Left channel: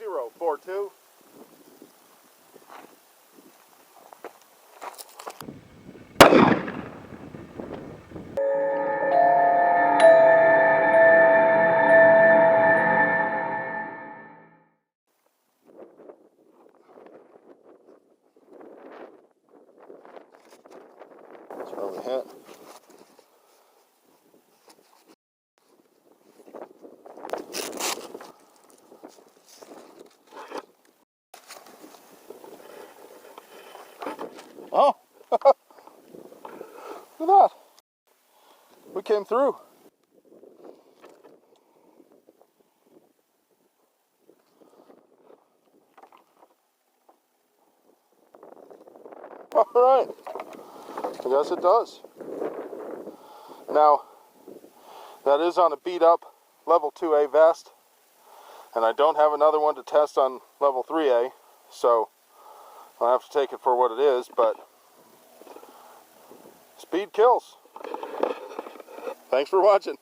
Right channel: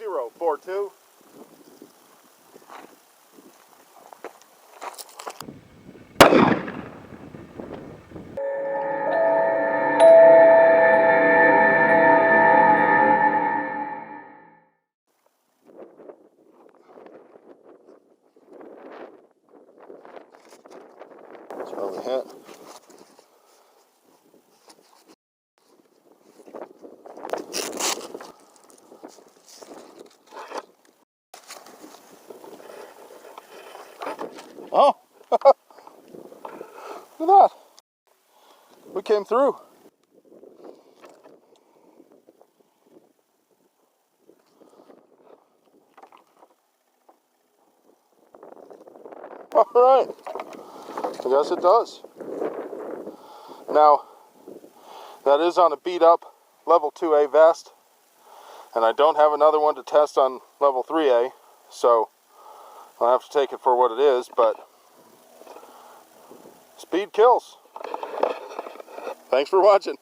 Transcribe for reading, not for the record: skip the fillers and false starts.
6042. That's where we hit. Oh, look at that. We came through. All right. I guess it does. Now, that is on a beat up level 2A vest, and I don't have another one to test on level 3A, so I'll have to take it for what it is, but speed kills. Thanks for watching.